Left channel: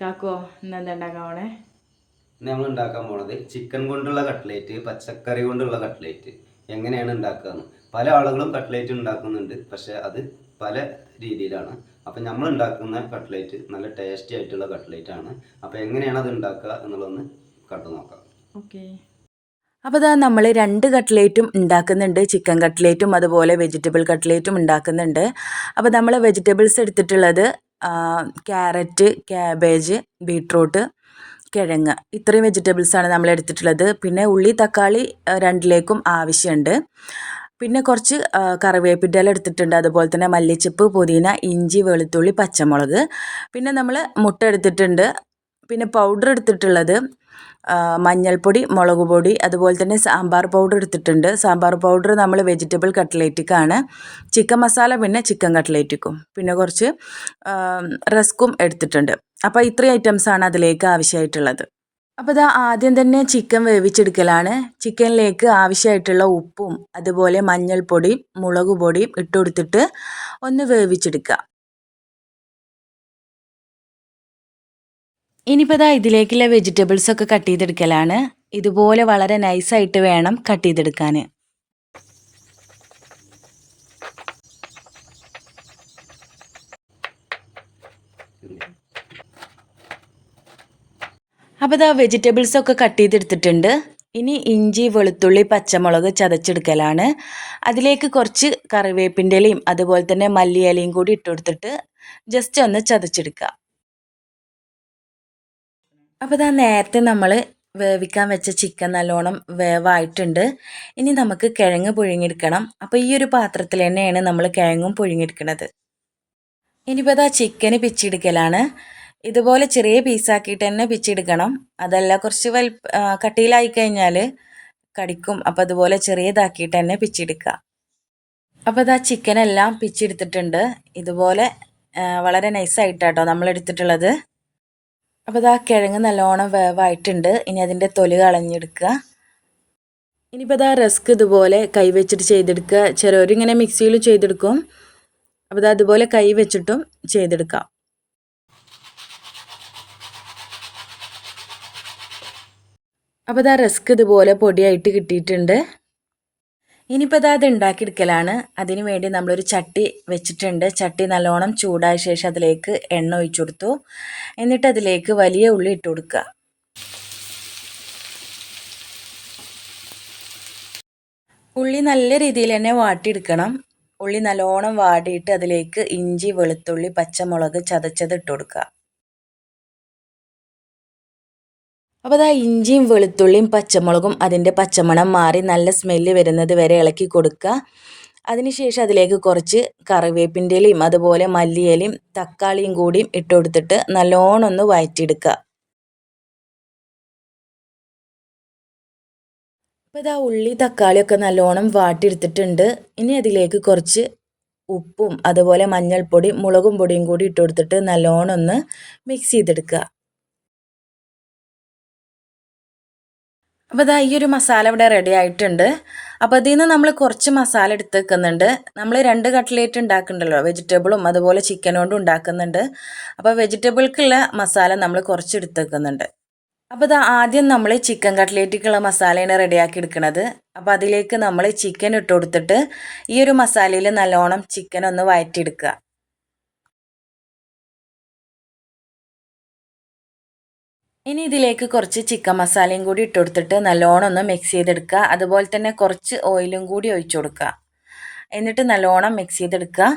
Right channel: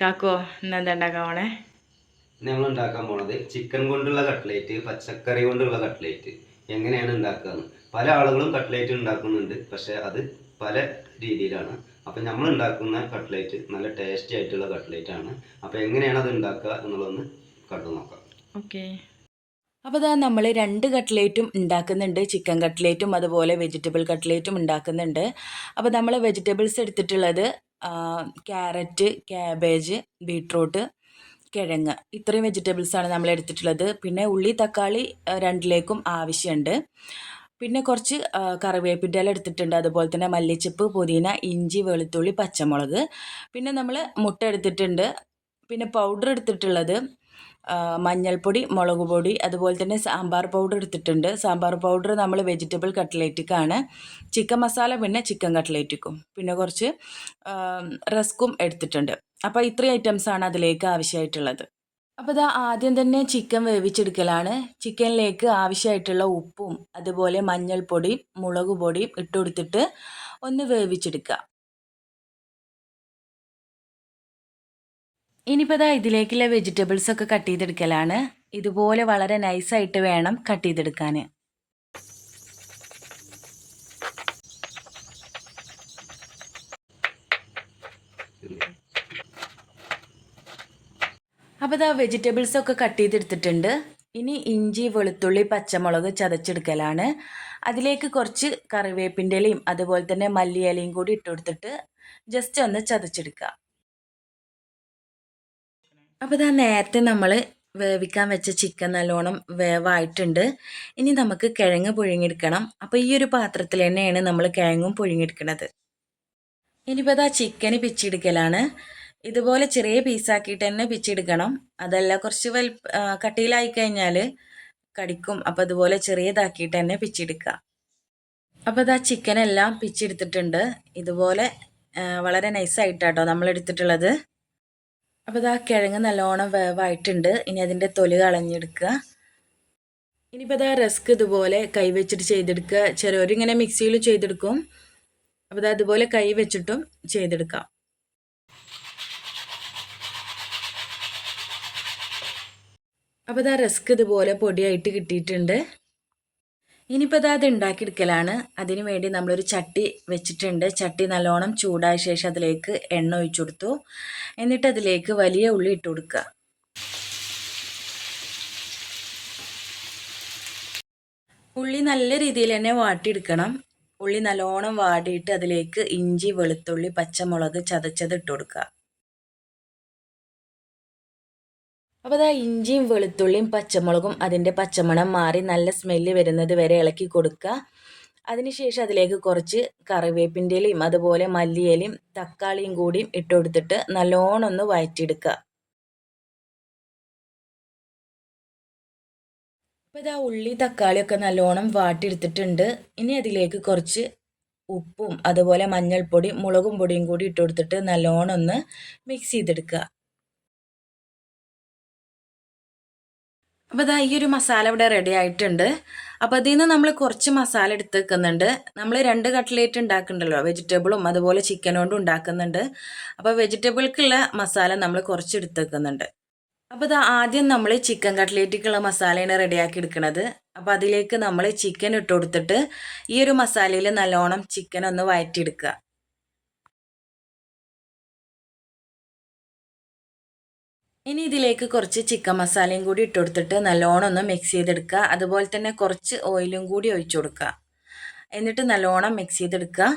കാക്കോ ഇന്നെന്താ ഉണ്ടാക്കാൻ പോണേ? നമ്മൾ ഉണ്ടാക്കാൻ പോണത് ചിക്കൻ കൊണ്ടുള്ള കട്ട്ലേറ്റ്, പച്ചക്കറി കൊണ്ടുള്ള കട്ട്ലേറ്റ് എങ്ങനെയാണ് ഉണ്ടാക്കുകയെന്ന്. പല ആളുകളും കട്ട്ലേറ്റ് ഉണ്ടാക്കുന്നുണ്ട്, പക്ഷെ അത് പല രീതിയിലാണ്. അപ്പം നമ്മൾ ഉണ്ടാക്കുന്ന കട്ട്ലേറ്റ് നല്ല ടേസ്റ്റി ആയിട്ടുള്ള കട്ട്ലേറ്റ് ആണ്. അപ്പം എങ്ങനെയാണ് അത് ഉണ്ടാക്കുക എന്നുള്ളതൊന്ന് കണ്ടു നോക്കാം. ഓക്കെ. അപ്പോൾ ഇതാ നമ്മൾ 2 കട്ട്ലേറ്റും ഉണ്ടാക്കുന്നുണ്ട്. ചിക്കൻ കട്ട്ലേറ്റും അതുപോലെ വെജിറ്റബിൾ കട്ട്ലേറ്റും ഉണ്ടാക്കുന്നുണ്ട്. അപ്പോൾ നമ്മൾ വെജിറ്റബിൾസ് എടുത്തിട്ടുള്ളത് ക്യാരറ്റ്, ക്യാബേജ്, ബീട്രൂട്ട്, കിഴങ്ങ് ഇത്രയും വെജിറ്റബിൾസാണ് നമ്മൾ എടുത്തിട്ടുള്ളത്. പിന്നെ ഉള്ളി, തക്കാളി രണ്ടിലേക്കും ആവശ്യമുണ്ട്. പിന്നെ കുറച്ച് കറിവേപ്പിൻ്റെ ഇല എടുത്തിട്ടുണ്ട്. അതുപോലെ തന്നെ മല്ലിച്ചപ്പ്, പുതിന, ഇഞ്ചി, വെളുത്തുള്ളി, പച്ചമുളക്. പിന്നെ നമ്മൾ മുട്ട എടുത്തിട്ടുണ്ട്. പിന്നെ പൗഡർ എടുത്തിട്ടുള്ളത് മഞ്ഞൾപ്പൊടി, മുളക് പൊടി, അതുപോലെ തന്നെ സാമ്പാർ പൗഡർ എടുത്തിട്ടുണ്ട്. സാമ്പാർ പൗഡർ നമ്മൾ വെജിറ്റബിൾ കട്ട്ലേറ്റിക്കാണ്. ചിക്കൻ മസാല പിന്നെ ചിക്കൻ കട്ട്ലേറ്റിക്കും. പിന്നെ കുറച്ച് റസ്ക്കും എടുത്തിട്ടുണ്ട്. അപ്പോൾ ഇത്രയും ഐറ്റംസാണ് അതിലേക്ക് ആവശ്യമായിട്ടുള്ളത്. അപ്പോൾ ഇതാ ആദ്യം തന്നെ ചിക്കൻ വേവിച്ചെടുക്കലാണ്. ചിക്കനിലേക്ക് ആവശ്യമായിട്ടുള്ള ഉപ്പും അതുപോലെ മഞ്ഞൾപ്പൊടിയും മുളക് പൊടിയും ഇട്ട് കൊടുത്തിട്ട് ഒന്ന് വേവിച്ചെടുക്കുക. ഇനിയിപ്പോൾ ഇതാ ഇതിലേക്കുള്ള വെജിറ്റബിൾസൊക്കെ കട്ട് ചെയ്തെടുക്കലാണ്. ഇതുപോലെ വളരെ നൈസായിട്ട് വേണം കട്ട് ചെയ്തെടുക്കാൻ. അപ്പോൾ ഇതാ വെജിറ്റബിൾസൊക്കെ കട്ട് ചെയ്തെടുത്തിട്ടുണ്ട്. ഇനി ഇഞ്ചി, വെളുത്തുള്ളി, പച്ചമുളക് ചതച്ചെടുക്കലാണ്. അതിലേക്ക് കുറച്ച് കറിവേപ്പിൻ്റെ ഇലയും അതുപോലെ തന്നെ മല്ലിയിലയും കൂടി ഇട്ട് കൊടുത്തിട്ട് ജസ്റ്റ് ഒന്ന് ചതച്ചെടുക്കുക. അപ്പോൾ ഇതാ നേരത്തെ നമ്മൾ വേവിക്കാൻ വെച്ച ചിക്കൻ നല്ലോണം വേവായിട്ടുണ്ട്. ഇനി നമുക്ക് കിഴങ്ങ് പുഴുങ്ങിയെടുക്കണം. അപ്പോൾ ഈ ഒരു പാത്രത്തിൽ തന്നെയാണ് നമ്മൾ കിഴങ്ങും പുഴുങ്ങിയെടുക്കുന്നത്. ഇനിയിപ്പോൾ ഇതാ ചിക്കന് പിച്ചെടുക്കലാണ്. ഇതുപോലെ ചെറിയ പീസാക്കിയിട്ട് തന്നെ പിച്ചെടുക്കണം. അതല്ല കുറച്ച് കട്ടിയിലായി കഴിഞ്ഞാൽ കടിക്കും. അപ്പോൾ അതുപോലെ ചെറിയതാക്കിയിട്ട് തന്നെ പിച്ചെടുക്കുക. അപ്പോൾ ഇതാ ചിക്കനെല്ലാം പിച്ചെടുത്തിട്ടുണ്ട്. ഇതുപോലെ വളരെ നൈസായിട്ടാട്ടോ നമ്മൾ എടുത്തിട്ടുള്ളത്. അപ്പോൾ ഇതാ കിഴങ്ങ് നല്ലോണം വേവായിട്ടുണ്ട്. ഇനി അതിൻ്റെ തൊലി കളഞ്ഞെടുക്കുക. ഇനിയിപ്പോൾ ഇതാ റസ്ക് ഇതുപോലെ കൈ വെച്ചിട്ട് ചെയ്തെടുക്കുക. ചിലവരിങ്ങനെ മിക്സിയിൽ ചെയ്തെടുക്കും. അപ്പോൾ ഇതാ അതുപോലെ കൈ വെച്ചിട്ടും ചെയ്തെടുക്കാം. അപ്പോൾ ഇതാ റസ്ക് ഇതുപോലെ പൊടിയായിട്ട് കിട്ടിയിട്ടുണ്ട്. ഇനിയിപ്പോൾ ഇതാ അത് ഉണ്ടാക്കിയെടുക്കലാണ്. അതിന് വേണ്ടി നമ്മളൊരു ചട്ടി വെച്ചിട്ടുണ്ട്. ചട്ടി നല്ലോണം ചൂടായ ശേഷം അതിലേക്ക് എണ്ണ ഒഴിച്ചു കൊടുത്തു. എന്നിട്ട് അതിലേക്ക് വലിയ ഉള്ളി ഇട്ട് കൊടുക്കുക. ഉള്ളി നല്ല രീതിയിൽ തന്നെ വാട്ടിയെടുക്കണം. ഉള്ളി നല്ലോണം വാടിയിട്ട് അതിലേക്ക് ഇഞ്ചി, വെളുത്തുള്ളി, പച്ചമുളക് ചതച്ചത് ഇട്ട് കൊടുക്കുക. അപ്പോൾ അതാ ഇഞ്ചിയും വെളുത്തുള്ളിയും പച്ചമുളകും അതിൻ്റെ പച്ചമണം മാറി നല്ല സ്മെല്ല് വരുന്നത് വരെ ഇളക്കി കൊടുക്കുക. അതിനുശേഷം അതിലേക്ക് കുറച്ച് കറിവേപ്പിൻ്റെ ഇലയും അതുപോലെ മല്ലിയിലയും തക്കാളിയും കൂടിയും ഇട്ട് കൊടുത്തിട്ട് നല്ലോണം ഒന്ന് വഴറ്റിയെടുക്കുക. അപ്പോൾ ഇതാ ഉള്ളി തക്കാളിയൊക്കെ നല്ലോണം വാട്ടിയെടുത്തിട്ടുണ്ട്. ഇനി അതിലേക്ക് കുറച്ച് ഉപ്പും അതുപോലെ മഞ്ഞൾപ്പൊടി, മുളകും പൊടിയും കൂടി ഇട്ട് കൊടുത്തിട്ട് നല്ലോണം ഒന്ന് മിക്സ് ചെയ്തെടുക്കുക. അപ്പോൾ ഇതാ ഈ ഒരു മസാല ഇവിടെ റെഡി ആയിട്ടുണ്ട്. അപ്പോൾ അതിൽ നിന്ന് നമ്മൾ കുറച്ച് മസാല എടുത്ത് വെക്കുന്നുണ്ട്. നമ്മൾ 2 കട്ട്ലേറ്റ് ഉണ്ടാക്കുന്നുണ്ടല്ലോ, വെജിറ്റബിളും അതുപോലെ ചിക്കൻ കൊണ്ടും ഉണ്ടാക്കുന്നുണ്ട്. അപ്പോൾ വെജിറ്റബിൾക്കുള്ള മസാല നമ്മൾ കുറച്ച് എടുത്ത് വെക്കുന്നുണ്ട്. അപ്പോൾ ഇതാ ആദ്യം നമ്മൾ ചിക്കൻ കട്ട്ലേറ്റിക്കുള്ള മസാലയാണ് റെഡിയാക്കി എടുക്കുന്നത്. അപ്പോൾ അതിലേക്ക് നമ്മൾ ചിക്കൻ ഇട്ട് കൊടുത്തിട്ട് ഈ ഒരു മസാലയിൽ നല്ലോണം ചിക്കൻ ഒന്ന് വഴറ്റിയെടുക്കുക. ഇനി ഇതിലേക്ക് കുറച്ച് ചിക്കൻ മസാലയും കൂടി ഇട്ട് കൊടുത്തിട്ട് നല്ലോണം ഒന്ന് മിക്സ് ചെയ്തെടുക്കുക. അതുപോലെ തന്നെ കുറച്ച് ഓയിലും കൂടി ഒഴിച്ചു കൊടുക്കുക. എന്നിട്ട് നല്ലോണം മിക്സ് ചെയ്തെടുക്കുക.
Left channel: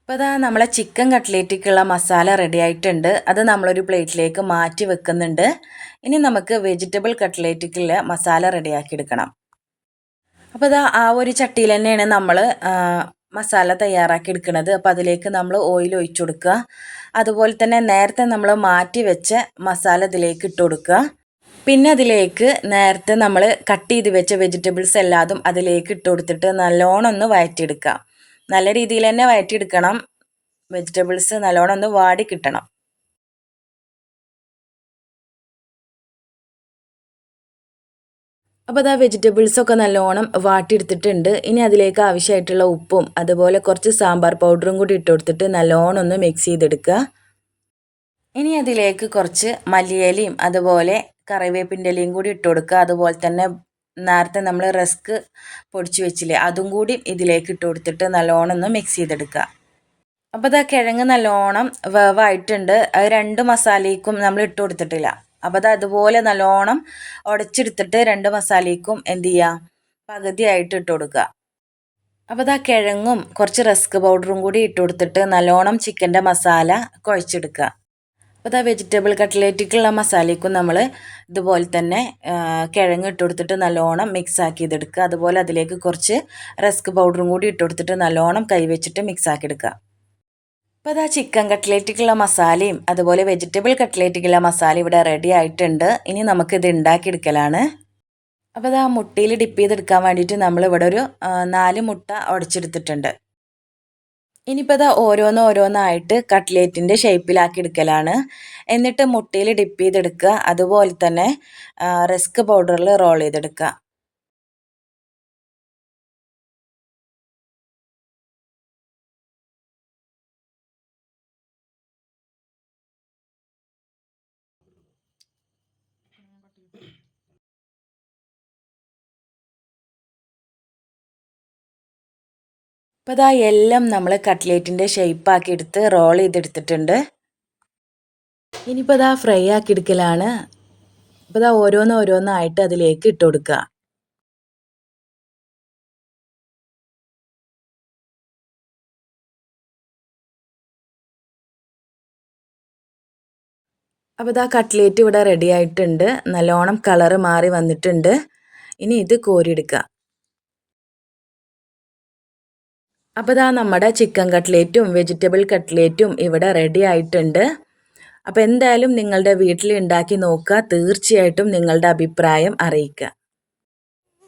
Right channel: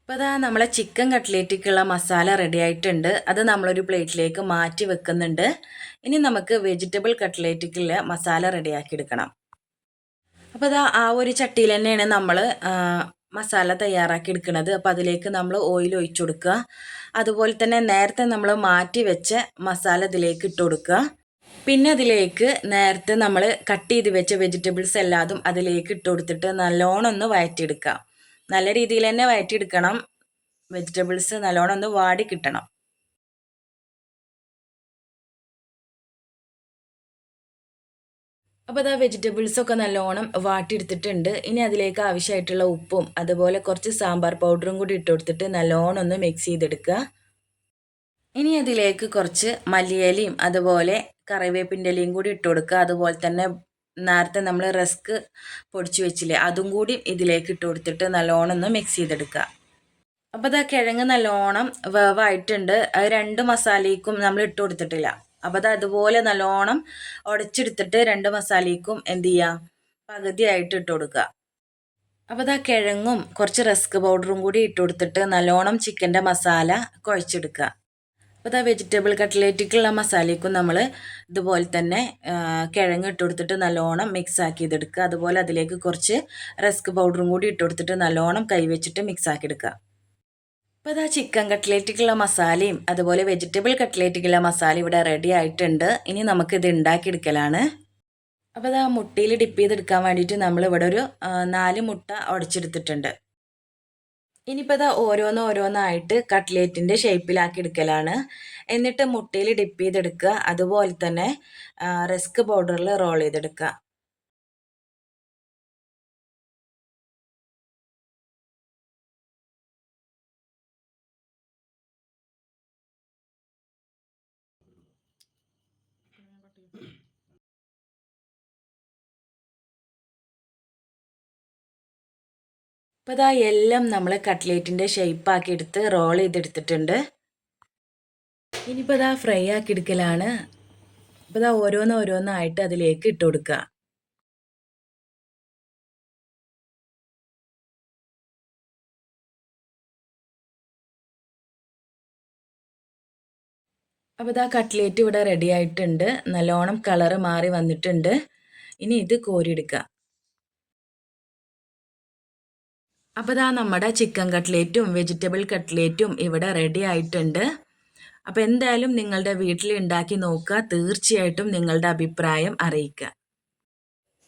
അപ്പോൾ അതാ നമ്മളെ ചിക്കൻ കട്ട്ലേറ്റിക്കുള്ള മസാല റെഡി ആയിട്ടുണ്ട്. അത് നമ്മളൊരു പ്ലേറ്റിലേക്ക് മാറ്റി വെക്കുന്നുണ്ട്. ഇനി നമുക്ക് വെജിറ്റബിൾ കട്ട്ലേറ്റിക്കുള്ള മസാല റെഡിയാക്കി എടുക്കണം. അപ്പോൾ അതാ ആ ഒരു ചട്ടിയിൽ തന്നെയാണ് നമ്മൾ മസാല തയ്യാറാക്കി എടുക്കുന്നത്. അപ്പോൾ അതിലേക്ക് നമ്മൾ ഓയിൽ ഒഴിച്ചു കൊടുക്കുക. അതുപോലെ തന്നെ നേരത്തെ നമ്മൾ മാറ്റി വെച്ച മസാല ഇതിലേക്ക് ഇട്ട് കൊടുക്കുക. പിന്നെ അതിലേക്ക് നേരത്തെ നമ്മൾ കട്ട് ചെയ്ത് വെച്ച വെജിറ്റബിൾസ് എല്ലാതും അതിലേക്ക് ഇട്ട് കൊടുത്തിട്ട് നല്ലോണം ഒന്ന് വഴറ്റിയെടുക്കുക. നല്ല രീതിയിൽ തന്നെ വഴറ്റിയെടുക്കണം. വെജിറ്റബിൾസ് നല്ലോണം ഒന്ന് വാടി കിട്ടണം. അപ്പോൾ അതാ വെജിറ്റബിൾസൊക്കെ നല്ലോണം വാട്ടിയെടുത്തിട്ടുണ്ട്. ഇനി അതിലേക്ക് ആവശ്യമായിട്ടുള്ള ഉപ്പും അതുപോലെ കുറച്ച് സാമ്പാർ പൗഡറും കൂടി ഇട്ട് കൊടുത്തിട്ട് നല്ലോണം ഒന്ന് മിക്സ് ചെയ്തെടുക്കുക. ഇനി അതിലേക്ക് കുറച്ച് മല്ലിയിലയും അതുപോലെ കറിവേപ്പിൻ്റെ ഇലയും കൂടി ഇട്ട് കൊടുക്കുക. അതുപോലെ തന്നെ നേരത്തെ നമ്മൾ റസ്ക് പൊടിച്ച് വെച്ചില്ലേ അതും കൂടി ഇതിലേക്ക് ഇട്ട് കൊടുത്തിട്ട് നല്ലോണം ഒന്ന് മിക്സ് ചെയ്തെടുക്കുക. അപ്പോൾ ഇതാ കിഴങ്ങ് നല്ലോണം വേവായിട്ടുണ്ട്. അത് 2 മസാലയ്ക്കും നമ്മൾ ഇട്ട് കൊടുത്തിട്ടില്ല. അപ്പോൾ അത് അതുപോലെ നല്ലോണം ഉടച്ചെടുത്തിട്ട് 2 മസാലയ്ക്കും എന്ത് ചെയ്യുക, പകുതിയായിട്ട് ഇട്ട് കൊടുക്കുക. അപ്പോൾ ഇതാ കിഴങ്ങും കുറച്ച് റസ്ക് പൗഡറും കൂടി ഇട്ട് കൊടുത്തിട്ട് നല്ലോണം ചിക്കൻ്റെ മസാല കുഴച്ചെടുക്കുക. അപ്പോൾ ഇതാ വെജിറ്റബിൾ കട്ട്ലേറ്റിക്കുള്ള മസാലയ്ക്കും നമ്മൾ ഇതുപോലെ തന്നെ കിഴങ്ങ് ഇട്ട് കൊടുത്തിട്ട് നല്ലോണം മിക്സ് ആക്കി ഇതെടുക്കുക. അതുപോലെ അതിലേക്ക് കുറച്ച് റസ്ക് പൗഡറും കൂടി ഇട്ട് കൊടുത്തിട്ട് നല്ലോണം കൈവച്ചിട്ട് മിക്സ് ആക്കി എടുക്കുക. അപ്പോൾ ഇതാ ചിക്കൻ കട്ട്ലേറ്റിക്കുള്ള മസാലയും അതുപോലെ വെജിറ്റബിൾ കട്ട്ലേറ്റിക്കുള്ള മസാല ഇവിടെ റെഡി ആയിട്ടുണ്ട്. ഇനി നമുക്കിത് ഉണ്ടാക്കിയെടുക്കലാണ്. അപ്പോൾ ഇതാ മുട്ടയിൽ ഡിപ്പ് ചെയ്തെടുക്കാൻ വേണ്ടിയിട്ട് നമ്മളിവിടെ ഒരു 4 മുട്ട ഉടച്ചെടുത്തിട്ടുണ്ട്. ഇനിയിപ്പോൾ ഇതാ ഓരോന്നായിട്ട് കട്ട്ലേറ്റിൻ്റെ ഷേപ്പിലാക്കി എടുക്കലാണ്. എന്നിട്ട് മുട്ടയിൽ ഡിപ്പ് ചെയ്തെടുക്കുക. അതുപോലെ തന്നെ റസ്ക് പൗഡറിൽ റോൾ ചെയ്തെടുക്കുക. അപ്പോൾ ഇതാ എല്ലാം നമ്മൾ കട്ട്ലേറ്റിൻ്റെ ഷേപ്പാക്കി എടുത്ത് റോൾ ചെയ്തെടുത്തിട്ടുണ്ട്. ഇനിയിപ്പോൾ ഇതാ ഫ്രൈ ആക്കി എടുക്കലാണ്. അപ്പോൾ ഇതാ ഓരോന്നായിട്ട് അതിലേക്ക് ഇട്ട് കൊടുക്കുക. അപ്പോൾ ഇതാ കട്ട്ലേറ്റ് ഇവിടെ റെഡി ആയിട്ടുണ്ട്. നല്ലോണം കളറ് മാറി വന്നിട്ടുണ്ട്. ഇനി ഇത് കോരിയെടുക്കുക. അപ്പോൾ ഇതാ നമ്മുടെ ചിക്കൻ കട്ട്ലേറ്റും വെജിറ്റബിൾ കട്ട്ലേറ്റും ഇവിടെ റെഡി ആയിട്ടുണ്ട്. അപ്പോൾ എന്തായാലും നിങ്ങളുടെ വീട്ടിൽ ഉണ്ടാക്കി നോക്കുക. തീർച്ചയായിട്ടും നിങ്ങളുടെ അഭിപ്രായം അറിയിക്കുക.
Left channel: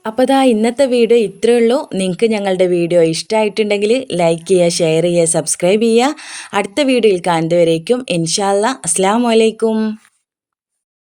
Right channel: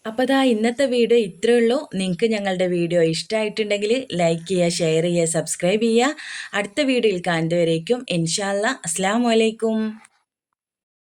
അപ്പോൾ ഇതാ ഇന്നത്തെ വീഡിയോ ഇത്രയേ ഉള്ളൂ. നിങ്ങൾക്ക് ഞങ്ങളുടെ വീഡിയോ ഇഷ്ടമായിട്ടുണ്ടെങ്കിൽ ലൈക്ക് ചെയ്യുക, ഷെയർ ചെയ്യുക, സബ്സ്ക്രൈബ് ചെയ്യുക. അടുത്ത വീഡിയോയിൽ കാണുന്നതുവരേക്കും ഇൻഷാ അല്ലാ അസ്സലാമു അലൈക്കും.